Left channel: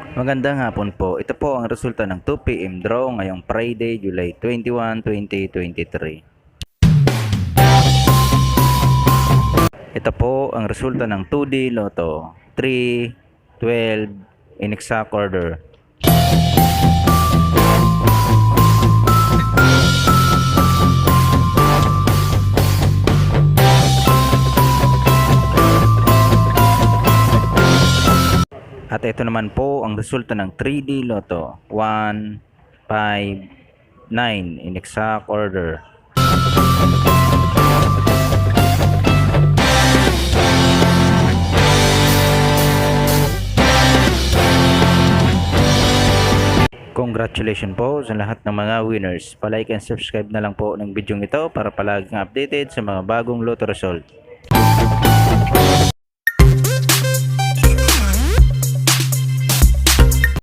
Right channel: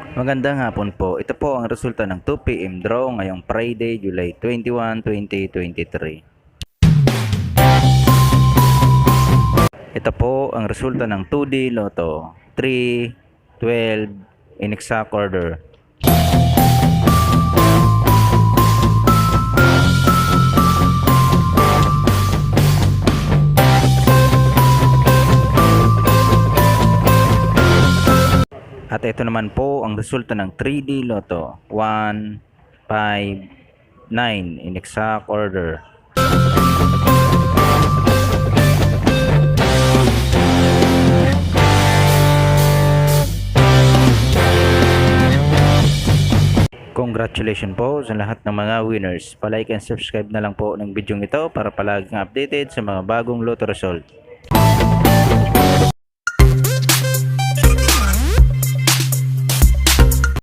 Magandang hapon po. Ito po ang resulta ng 2 PM draw ngayong Friday, July 21, 2023. Ito po ang resulta ng 2D Lotto 3, 12 in exact order. At ito naman po ang resulta ng 3D Lotto 1, 5, 9 in exact order. Congratulations po sa lahat ng mga winners. Pa-like and subscribe na lang po ng video ito para palaging updated sa mga bagong Lotto result.